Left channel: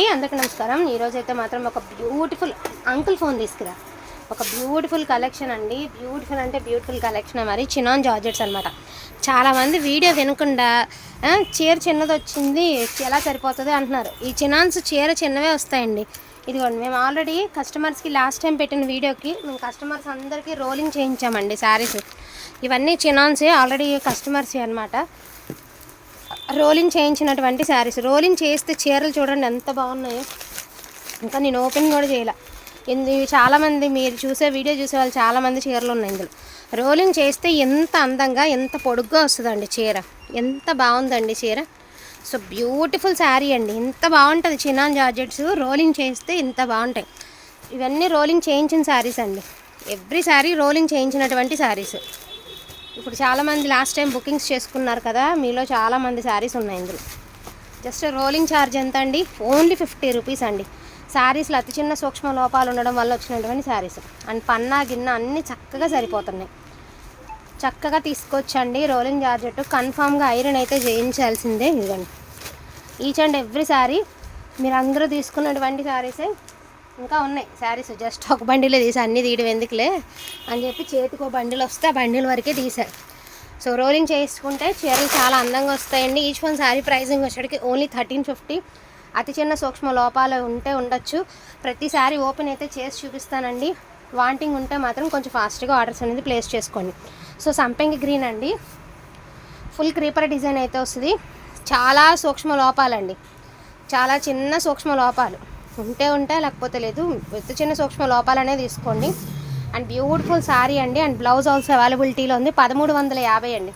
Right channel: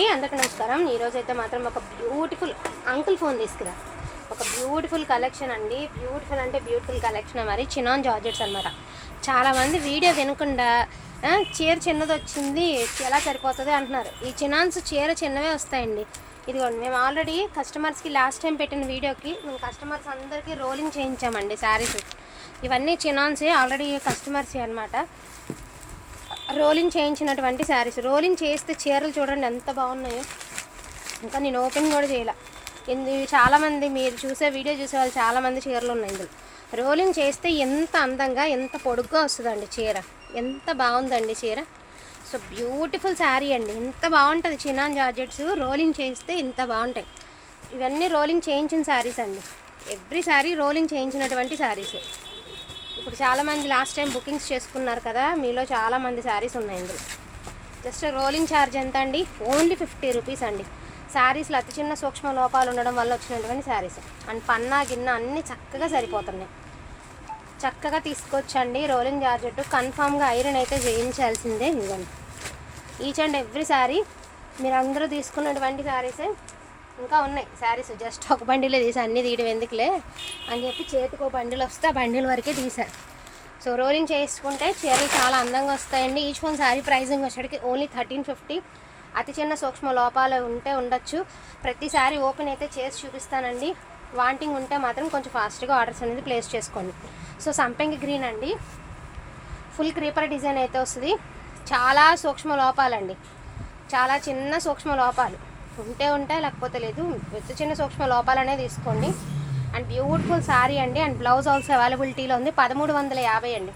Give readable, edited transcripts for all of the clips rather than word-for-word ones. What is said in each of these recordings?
అందరికీ నమస్కారం. ఈరోజు అయితే మాత్రం ఒక బ్యూటిఫుల్ అంకుల్ ఫోన్ తీసుకురా. ఒక బ్యూటిఫుల్ కలెక్షన్ అండి. బ్యూటిఫుల్ అంటే బ్యూటిఫుల్ కలెక్షన్. మరి చినాన్ జార్జెట్స్ అనమాట. చాలామంది వీడియో వినకుండా చీర చిన్నది వచ్చింది ఎలా సరిపోతుంది అంటున్నారు. ఈ చినాన్స్ చీర చిన్నవే వస్తాయండి. ఇదిగోండి, మేము ఆల్రెడీ కస్టమర్స్కి లాస్ట్ టైం పెట్టిన వీడియోకి మేము కస్టమర్స్ అందరికీ రోలింగ్ చేయించామండి శారీస్. ఇవన్నీ చినాన్సే, ఆల్రెడీ కస్టమర్స్ అనమాట. రోలింగ్ చేయించినటువంటి శారీస్. రోలింగ్ చేస్తే చీరలు చూడండి ఎంత బాగున్నాయో. ఇంకా నేను ఓపెన్ కూడా చేయాల. చాలామంది మీరు చూసే వీడియో చూసే వాళ్ళు చాలామంది చీరలు ఉన్నాయి ఇందులో. రోలింగ్ చేస్తే ఎంత అందంగా ఎంత పొడుగ్గా వస్తుందండి చీర. ఎంత బాగుందండి చీర. సో బ్యూటిఫుల్ శారీ అండి. ఇంత బాగుంటుంది చినాన్ జార్జెట్స్. రోలింగ్ చేస్తే ఇంత బాగుంటాయి. ఇవన్నీ రోలింగ్ చేయించిన శారీస్ అండి. ఎవ్రీ శారీ రోలింగ్ చేయించినటువంటి శారీస్. ఇప్పుడు చాలామంది లాస్ట్ టైం బుకింగ్స్ చేసుకున్నారు కదా, మీలో చాలామంది శారీస్ ఉన్నాయి ఇందులో. జస్ట్ రోలింగ్ ఛార్జ్ ఎంత అండి? ఓన్లీ 50 రూపీస్ అండి. శారీస్లో అతి చిన్న సూక్ష్మ లోపాలు ఉండడం వల్ల వచ్చినటువంటి శారీస్. అండ్ పన్నా గిన్నె అన్నీ చక్కగా సరిపోతున్నాయి. చక్కగా తీసుకొచ్చండి. రోలింగ్ జార్జెట్ కన్ఫామ్గా ఐరన్ అయితే చేయించాల్సిందే. ఇవ్వండి, ఈచ్ అండ్ ఎవ్రీ శారీ మీరు అందరూ తీసుకున్నటువంటి శారీసే. ఇంకా ఉన్నాయి శారీస్. జస్ట్ ఒక బండిలో తీసి అన్నీ తీయడం ఎందుకులే అని చెప్పి చేతికి ఒక బండిలు వస్తే ఆ బండిల వరకే తీశారు. సో రోలింగ్ చేసుకుంటే చీరలు చాలా అందంగా వస్తాయండి. ఈచ్ వన్ శారీ ప్రైజింగ్ వచ్చేటికి ఓన్లీ 1350. అతి చిన్న సూక్ష్మ లోపాలు ఉంటే ఉండొచ్చు. ప్రతి శారీ ఓపెన్ అయితే చేసి చూపిస్తానండి. వాంటింగ్ ఉంటే మాత్రం కొంచెం ఫాస్ట్గా ఆర్డర్స్ అనేది ప్లేస్ చేసుకోండి. సో సంపెంగి గ్రీన్ అండి. ఫుల్ క్రీపర్ డిజైన్ అయితే వస్తుంది. చాలా సూక్ష్మ లోపాలండి. చాలా చిన్న సూక్ష్మ లోపాలు ఉంటే లేకపోతే లేదు. పెద్ద చిన్న సూక్ష్మ లోపాలనే తీసుకోండి. అండ్ బ్యూటిఫుల్ శారీ అండి. అండ్ బ్లౌజ్ ఆల్సో అవైలబిలిటీలో ఉంది. 1350 అండి.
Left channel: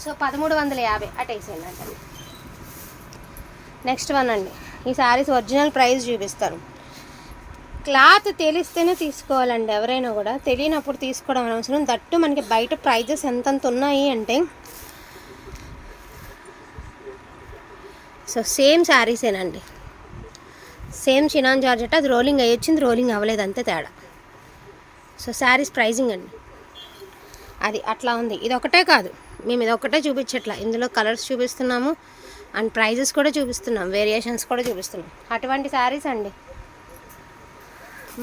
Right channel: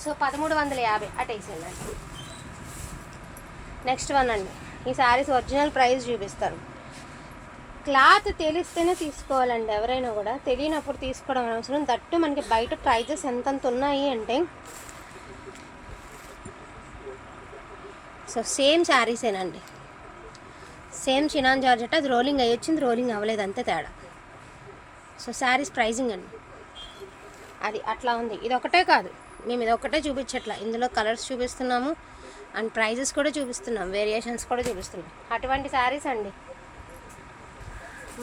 సో 1350 అటేసేయండి అండి. నెక్స్ట్ వన్ అండి. ఈ శారీస్ ఒరిజినల్ ప్రైస్ చూపిస్తాను. క్లాత్ తెలిస్తేనే తీసుకోవాలండి. ఎవరైనా కూడా తెలియనప్పుడు తీసుకోవడం అవసరం. దట్టు మనకి బయట ప్రైజెస్ ఎంతంత ఉన్నాయి అంటే. సో సేమ్ శారీసేనండి. Same chinon georgette. అది రోలింగ్ అయ్యి వచ్చింది, రోలింగ్ అవ్వలేదు, అంతే తేడా. సో శారీస్ ప్రైజింగ్ అండి అది అట్లా ఉంది. ఇది ఒకటే కాదు, మేము ఇది ఒకటే చూపించట్లా. ఇందులో కలర్స్ చూపిస్తున్నాము అండ్ ప్రైజెస్ కూడా చూపిస్తున్నాం, వేరియేషన్స్ కూడా చూపిస్తున్నాం. అటువంటి శారీస్ అండి.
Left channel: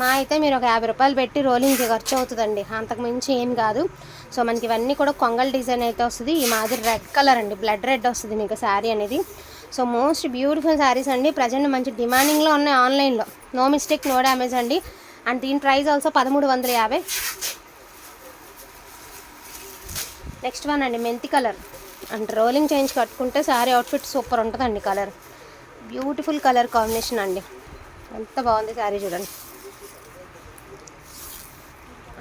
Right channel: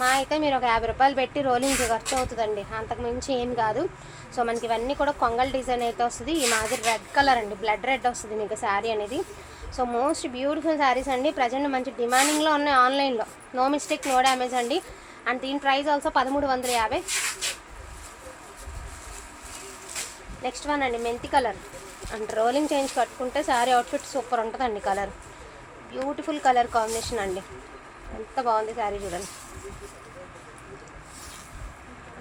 మా అయితే మీరు ఒక 50 రూపాయలు పెట్టి రోలింగ్కి ఖర్చు అవుతుందండి, అంతకు మించి ఏం కాదు. సో మనకి ఇవన్నీ కూడా కొంగల్ డిజైన్ అయితే వస్తుంది. ఈ మాదిరి రెడ్ కలర్ అండి, బ్లడ్ రెడ్ వస్తుంది మీకు శారీ అనేది. సో మోస్ట్ బ్యూటిఫుల్ శారీస్ అండి. ప్రజెంట్ మంచి డిమాండింగ్లో ఉన్నాయి ఆన్లైన్లో. నో మిస్టేక్, నో డ్యామేజ్ అండి. అండ్ దీని ప్రైస్ ఆల్సో 1350. నెక్స్ట్ వన్ అండి, మెంతి కలర్. అండ్ రోలింగ్ చేంజ్ కట్టుకుంటే శారీ అవుట్ఫిట్ సూపర్ ఉంటుందండి. కలర్ బ్యూటిఫుల్ కలర్ కాంబినేషన్ అండి. ఎంత బాగుంది శారీ చూడండి.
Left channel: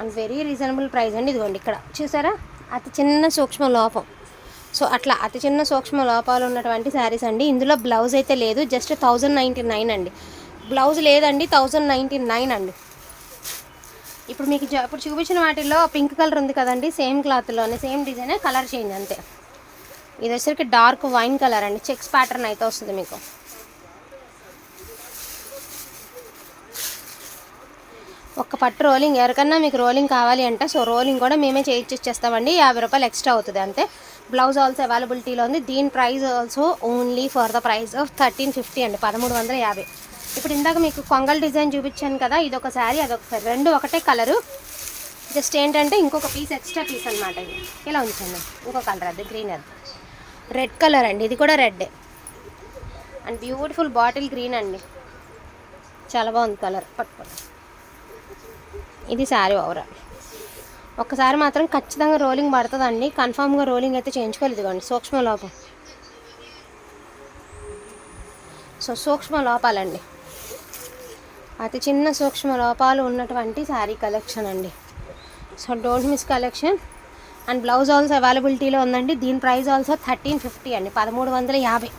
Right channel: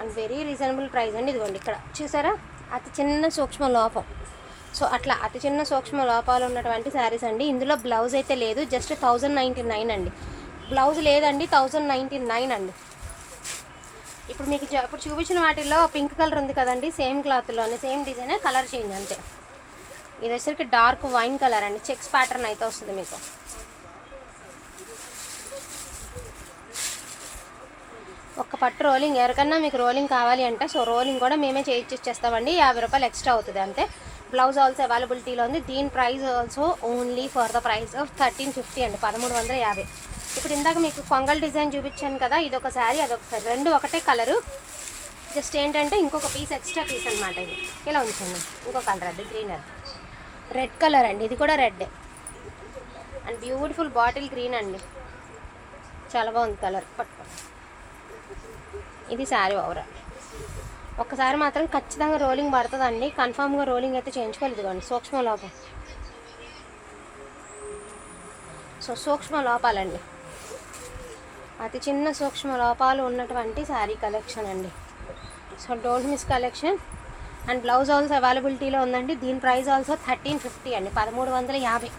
అండ్ వెరీ రీజనబుల్ ప్రైస్ అండి. ఇదిగోండి ఇక్కడ చూసారా, అతి చిన్న సూక్ష్మ లోపం. సో అట్లా అతి చిన్న సూక్ష్మ లోపాలు ఉన్నటువంటి శారీస్ అండి. ఇందులో బ్లౌజ్ అయితే లేదు, జస్ట్ 1099 అండి. బ్లౌజ్ లేదండి, 1099 అండి. ఇప్పుడు మీకు ఇప్పుడు చూపించిన వాటిల్లో పింక్ కలర్ ఉంది కదండి, సేమ్ క్లాత్లోనే సేమ్ డిజైనే, కలర్ చేంజ్ అంతే. ఇది వచ్చేసరికి డార్క్ వైన్ కలర్ అండి. చెక్స్ ప్యాటర్న్ అయితే వస్తుంది మీకు. ఒక్క పట్టు రోలింగ్. ఎవరికన్నా మీకు రోలింగ్ కావాలి అంటే సో రోలింగ్ కూడా మేమే చేయించేస్తామండి. 50 రూపాయలు ఎక్స్ట్రా అవుతుంది అంతే. బ్లౌజ్ ఆల్సో అవైలబిలిటీలో ఉంది. దీని price also only for the price of 1350 అండి, 1350. ఇప్పుడు ఇందాక మీకు కొంగల్ డిజైన్ చూపించాను కదా, ఇదొక శారీ అదొక శారీ, రెండు ఒకటే కలరు. జస్ట్ ఏంటంటే ఇంకొక పీస్ ఎక్స్ట్రా పీస్ అనమాట. ఇది ఇలా ఉంచండి. ఇంకో కలర్ అది గ్రీన్, అది రెడ్ కలర్ అండి. ఇది కూడా red and beautiful bottle green అండి. చాలా బాగుంది కలర్. పట్టుకోండి. ఇది శారీ ఓవరాల్. ఒక్కసారి మాత్రం ఖచ్చితంగా రోలింగ్ పడుతుందండి. కన్ఫామ్గా రోలింగ్ అయితే చేయించుకోలేదు. ఇదిగోండి సూక్ష్మ లోపం. సో సూక్ష్మ లోపాలండి, అతి చిన్న సూక్ష్మ లోపాలు ఉన్నటువంటి శారీ కలెక్షన్ అండి. So don't miss collection. And blouse also అవైలబిలిటీలో ఉందండి. దీని ప్రైస్ ఆల్సో 1350 అండి, 1350.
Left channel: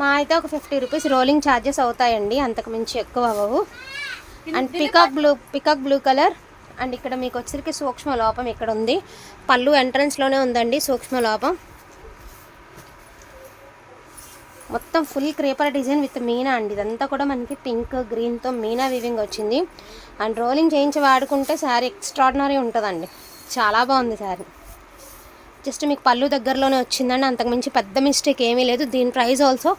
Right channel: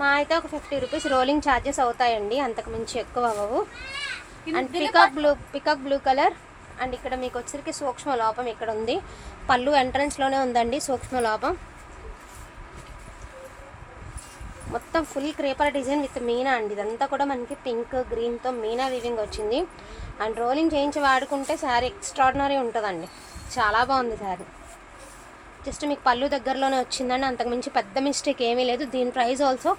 మా అయితే ఒక 50 రూపీస్ రోలింగ్ ఛార్జెస్ అవుతాయండి, అంతకు మించి ఎక్కువ అవ్వవు. And peacock blue colour. And ఇక్కడ మీకు వచ్చరికి సూక్ష్మ లోపం ఇక్కడ ఉంది. పళ్ళు ఎంట్రన్స్లోనే ఉందండి సూక్ష్మ లోపం. మొత్తం full creeper design with Meena అండి. ఇదంతా కూడా మనకి పింక్ గ్రీన్తో మీనా వీవింగ్ వచ్చింది. అండ్ రోలింగ్ చేయించి వాడుకుంటే శారీ ఎక్స్ట్రాడినరీ ఉంటుందండి. చాలా బాగుంది శారీ. జస్ట్ మీకు పళ్ళు దగ్గరలోనే వచ్చిందండి, అంతకుమించి పెద్ద మిస్టేక్ ఏమీ లేదు. దీని ప్రైస్ ఆల్సో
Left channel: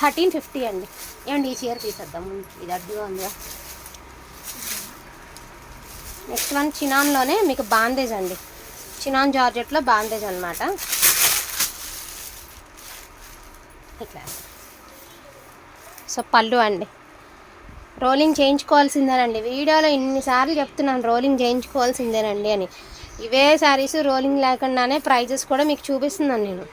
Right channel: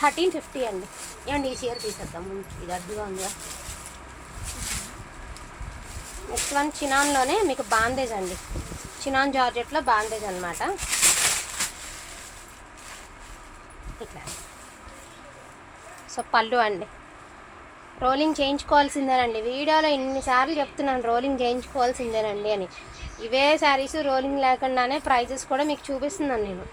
1350 అండి. ఏమండి ఈ చీర తీసేద్దాము, ఇది అడ్డుగా ఉంది. నెక్స్ట్ వన్ చినాన్లోనే మీకు బాందేజ్ అండి, చినాన్ జార్జెట్లో బాందేజ్ అనమాట. ఇట్లా సో పళ్ళు అండి, రోలింగ్ చేయించుకోవాల్సిందేనండి. వీడియోలో ఇన్నిసార్లు చెప్తున్నాను రోలింగ్ చేయించుకోవాల్సిందేనండి అని. ఇవే శారీస్ రోలింగ్ లేకుండానే ప్రైజెస్ కూడా మీకు చూపిస్తున్నాను నేను.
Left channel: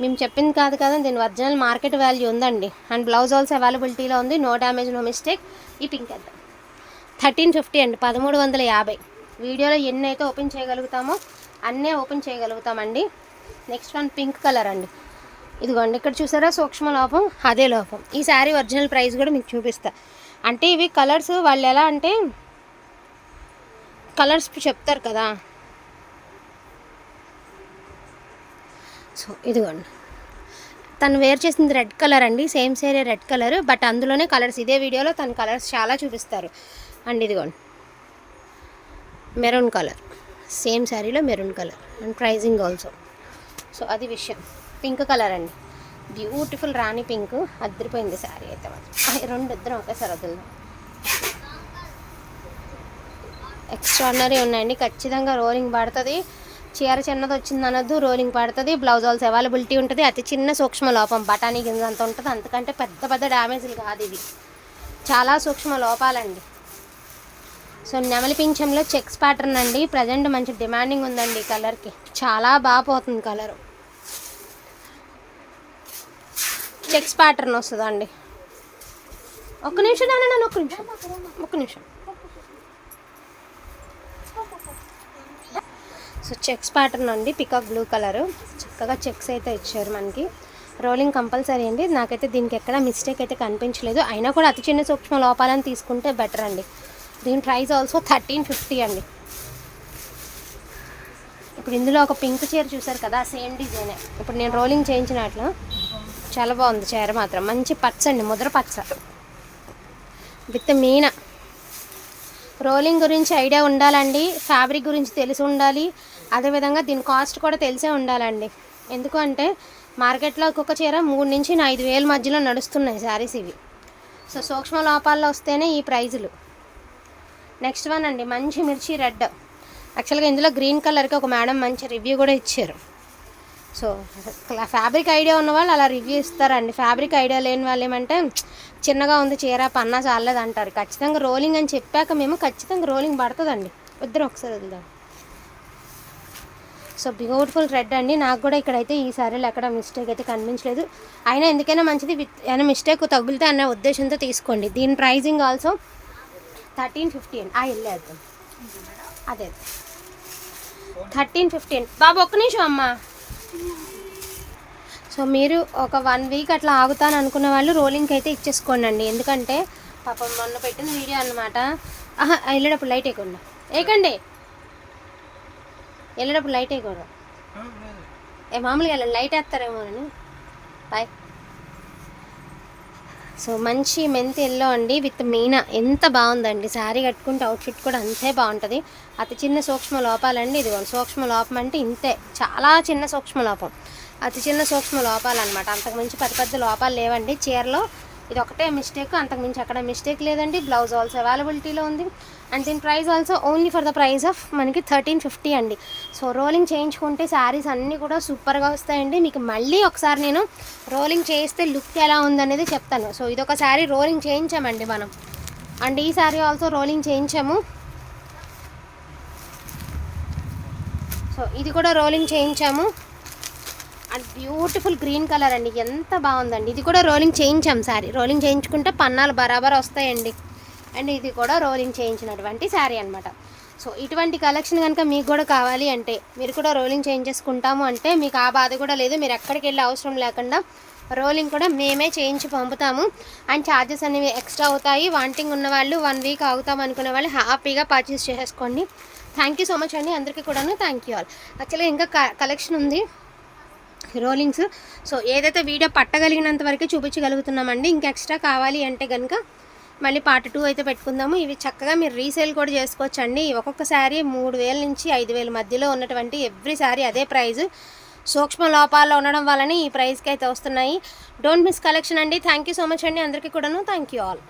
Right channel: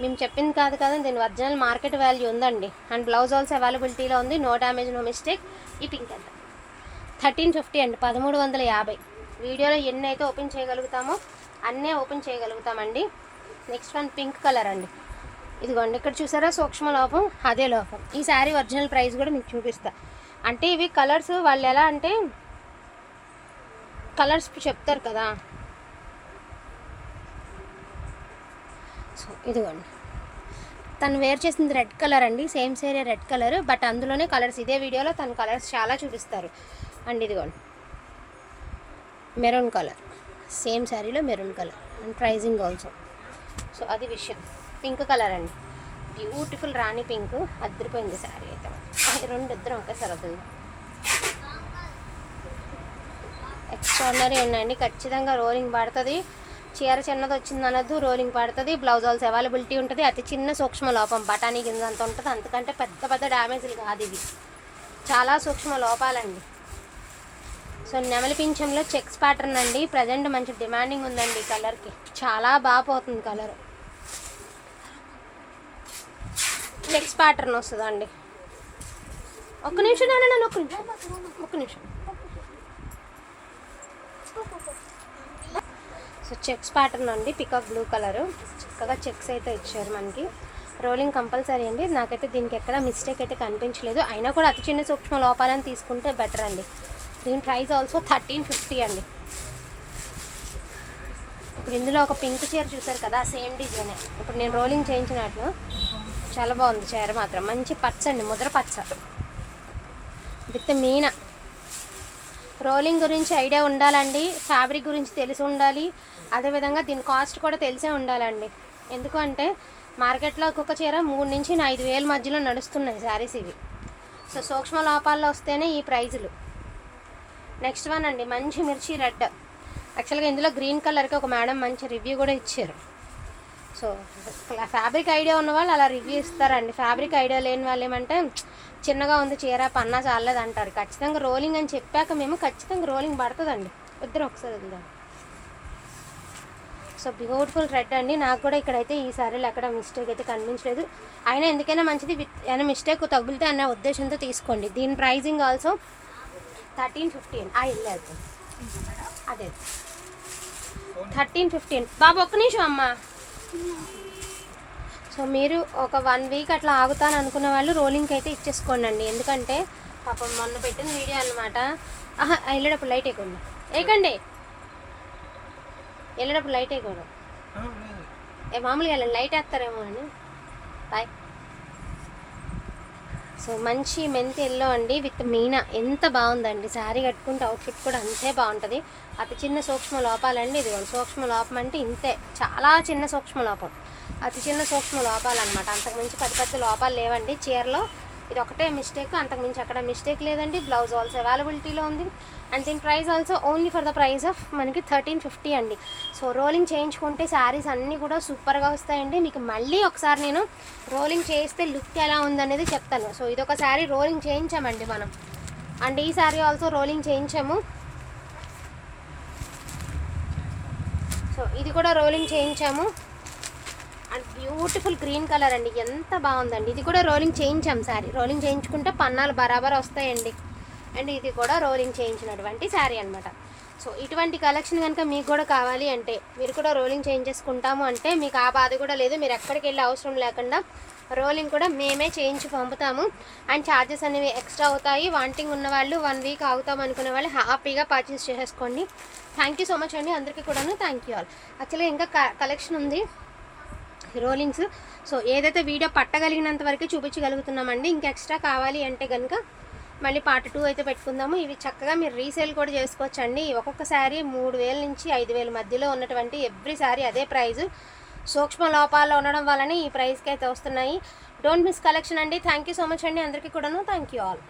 మేము చెప్పింది కాదు కదా, దీని ఒరిజినల్ మార్కెట్ వాల్యూ ఉందండి. అండ్ బ్లౌజ్ ఆల్సో అవైలబిలిటీలో ఉంది, నో డ్యామేజ్ నో మిస్టేక్. ఈ పింక్ ఎంత 1350 అండి, 1350. వీడియోలో ఎన్ని అయితే ఓపెన్ చేయగలుగుతామో అన్నీ ఓపెన్ చేయగలుగుతామండి. నెక్స్ట్ వన్ పింక్ కలర్ అండి, ఇదిగోండి ఇక్కడ చూసారా సూక్ష్మ లోపం, అదే లోపం. ఈ శారీ ఒరిజినల్ ప్రైస్ కూడా మీకు చూపిస్తా. అంటే ఇవి కలర్స్ వాళ్ళు ఎలా అంటే కలర్స్ చెప్తారు కదా. సో ఇదిగోండి తను వేర్ చేసింది రెడ్ కలర్ అండి, same sari red colour, but అందులోనే కలర్స్ ఇదే వీడియోలో తను కలర్స్ చాలా చూపిస్తారు. అండ్ ఇదిగోండి మెరూన్ కలర్, సేమ్ శారీలో maroon colour and praising also. So అది విషయం. పింక్ కలర్ అండి, బ్యూటిఫుల్ రాణి పింక్, అదిరిపోయింది శారీ అయితే. రెండు ఇద్దరం ఒకేసారి వద్దు, ఎక్స్ట్రాడినరీ ఉన్నాయండి. ఖచ్చితంగా రోలింగ్ పడుతుంది. చీర చిన్నది వచ్చింది అనొద్దు, రోలింగ్ పడుతుంది. బ్లౌజ్ ఆల్సో అవైలబిలిటీ ఉంటుంది. అతి చిన్న సూక్ష్మ లోపం, బఠానీ గింజ అంత ఉంటుంది, అంతకంటే పెద్ద పెద్ద డ్యామేజ్లు కాదు ఇది, చాలా సూక్ష్మ లోపాలండి. సో నెమలి పింఛంలో చెక్స్ ప్యాటర్న్ అండి, ప్రజెంట్ మంచి డిమాండింగ్ ఉందండి కలర్కి, చాలా బాగా పోతుంది కలర్. చెక్స్ ప్యాటర్న్ వస్తుందండి. ఒక్క నిమిషం నాన్న, ఒక్క నిమిషం. సో చెక్స్ ప్యాటర్న్ అండి, పికాక్ బ్లూ కలరు, చక్కగా చెక్స్ అయితే ఇచ్చారు మనకి. రోలింగ్ కంపల్సరీ అండి. నాకైతే దీనికి ఎక్కడ మిస్టేక్ అయితే కనిపించలేదు. అయినా కూడా అతి చిన్న సూక్ష్మ లోపాలను తీసుకుంటే బెటర్ అండి. దీని ప్రైస్ ఆల్సో 1350 అండి. ఇప్పుడు ఇందులో ఒక పింక్ చీర చూసారు కదా, సేమ్ డిజైనే. ఇప్పుడు నేను రోలింగ్ చేయించినట్లు చాలా బాగుంది చీర మాత్రం. మంచి పచ్చ అండి, ముద్ర పచ్చ విత్ మీన. రోలింగ్ గురించి ఐడియా ఉండాలండి, ఫ్యాబ్రిక్ గురించి తెలిసి ఉండాలి, అదేవిధంగా దీని కాస్ట్ కూడా తెలిసే ఉండాలండి. ఎందుకంటే మార్కెట్లో ఒక్కొక్క చీర 3,000 నుంచి 5,000 మధ్యలో నడుస్తున్నాయి శారీస్ ఇవి. సో సూక్ష్మ లోపాల్లో వస్తేనే ఈ ప్రైజులు. నెక్స్ట్ వన్ అండి, మంచి మిర్చి రెడ్. యాక్చువల్గా ఇందులో గ్రీన్ కలర్కి ఒక మేడం మంచి రివ్యూ కూడా ఇచ్చారు. సో ఫ్యాబ్రిక్ ఐడియా ఉన్న వాళ్ళు అలా రివ్యూ ఇస్తారండి. ఫ్యాబ్రిక్ ఐడియా లేని వాళ్ళు ఏమంటే చిన్నగా ఉంది చీర, పన్నా చాలేదు అంటారు. ఖచ్చితంగా రోలింగ్ అని చెప్పాక మేము ఖచ్చితంగా రోలింగ్ పడుతుందండి. ఇద్దరు ఒకసారి వద్దాం. సో బ్యూటిఫుల్ రెడ్ అండి. నాకు కూడా ఇక్కడైతే ఈ సారీలో ఎక్కడ మిస్టేక్ అయితే కనిపించలేదు. అయినా ఎందుకైనా మంచిది, ఏమైనా మిస్టేక్ తగులితే అనే ఉద్దేశంతో తీసుకోండి. దీని ప్రైజింగ్ ఆల్సో 1350 అండి. వెళ్ళేది అదే 1350. బాబు ఒక్క నిమిషం అమ్మా. సో మీరు ఒక 1 వీక్ అట్లా ఆగుతాను అనుకున్న వాళ్ళు రోలింగ్కి అయితే ఇచ్చేసుకోండి అండి. ఎందుకంటే పాపం మొన్న పెట్టిన వీడియో అనమాట. వెళ్ళేటప్పుడు లైట్ వేయకుండా, వేయకండి, వెళ్ళేటప్పుడు లైట్ వేయకూడదు. మామూలుగా వెళ్ళండి, లైట్ వేస్తారేమో అని. బాయ్. సో మంచి మెంతి ఎల్లో అండి విత్ మీనా, ఎంత బాగుందండి. శారీ కట్టుకుంటే అవుట్ఫిట్ కూడా అంతే బాగుంటుంది. అతి చిన్న సూక్ష్మ లోపాలండి. ఇది సూక్ష్మ లోపం అంటే ఇంతే, చాలా చిన్న సూక్ష్మ లోపం, అతి చిన్న సూక్ష్మ లోపాలు అనమాట. అంతకుమించి పెద్ద లోపాలు లేవండి చీరలో. ఇది ఒకటే మిస్టేక్, అంతకుమించి అక్కడ మిస్టేక్ లేదండి. బ్లౌజ్ ఆల్సో అవైలబిలిటీలో ఉంది. అండ్ దీని price also only for the price of మనకి 1350 అండి. సో రోలింగ్ చేయించుకుంటే శారీస్ అన్నీ కూడా సూపర్గా వస్తాయండి. మీకు మళ్ళీ ఒకసారి నేను రోలింగ్ చేస్తే లుక్ ఎలా ఉందనేది చెప్తాను. సో ఇదొక శారీ రోలింగ్ చేయించామండి మనం. అండ్ ఈ శారీ ఆల్సో రోలింగ్ చేయించాము. సో ఇది కూడా రోలింగ్ చేయించాము. అండ్ బ్యూటిఫుల్ గ్రీన్ కలర్ అండి, ఎంత బాగుందండి. ఇది కూడా రోలింగ్ చేయించాం శారీ. రోలింగ్ చేయించుకుంటే పన్నాలు బరాబర్ వస్తాయండి. అండ్ ఇది కూడా రోలింగ్ చేయించినటువంటి శారీ అనమాట. సో ఇటువంటి కలెక్షన్ కనుక మీకు కూడా కావాలి అంటే, మీరు కూడా రోలింగ్ చేయించేసుకుంటాము అంటే మీకు ఆ బాధ కూడా లేదు. మీరు ఎక్కడికి వెళ్ళే అవసరం లేకుండా రోలింగ్ కూడా మేమే చేయించి పంపుతాము. అండ్ ఛార్జెస్ అనేవి ఎక్స్ట్రా అవుతాయి. వాంటింగ్ ఉన్న వాళ్ళు 1 వీక్ ఆగుతాం అనుకునే వాళ్ళు హ్యాపీగా పర్చేస్ చేసేసుకోండి. థ్యాంక్ యూ సో మచ్ అండి అందరికీ కూడాను. Thank you all. యాక్చువల్గా ఇంకా కలెక్షన్ ఉంది రోలింగ్స్. సో ఏదైతే వీడియో పట్టగలిగినంత వరకే చూపించగలుగుతున్నామండి. ఇంకా ఎక్స్ట్రా కావాలి అంటే కనుక మళ్ళీ పార్ట్ 2 అయితే పెట్టుకుందాము. ఇవి చక్కగా మీరు రీసేల్ కూడా చేసుకోవచ్చండి. ఒక్కొక్క శారీ 3000 నుంచి 5000 మధ్యలో ఉన్నటువంటి ఎవ్రీ శారీ అదే ప్రైజు. సూక్ష్మ లోపాల్లో ఉండడం వల్లనే ఈ ప్రైస్కి అయితే వస్తున్నాయి. డోంట్ మిస్ కలెక్షన్ అండి. థ్యాంక్ యూ సో మచ్ అండి అందరికీ కూడాను. Thank you all.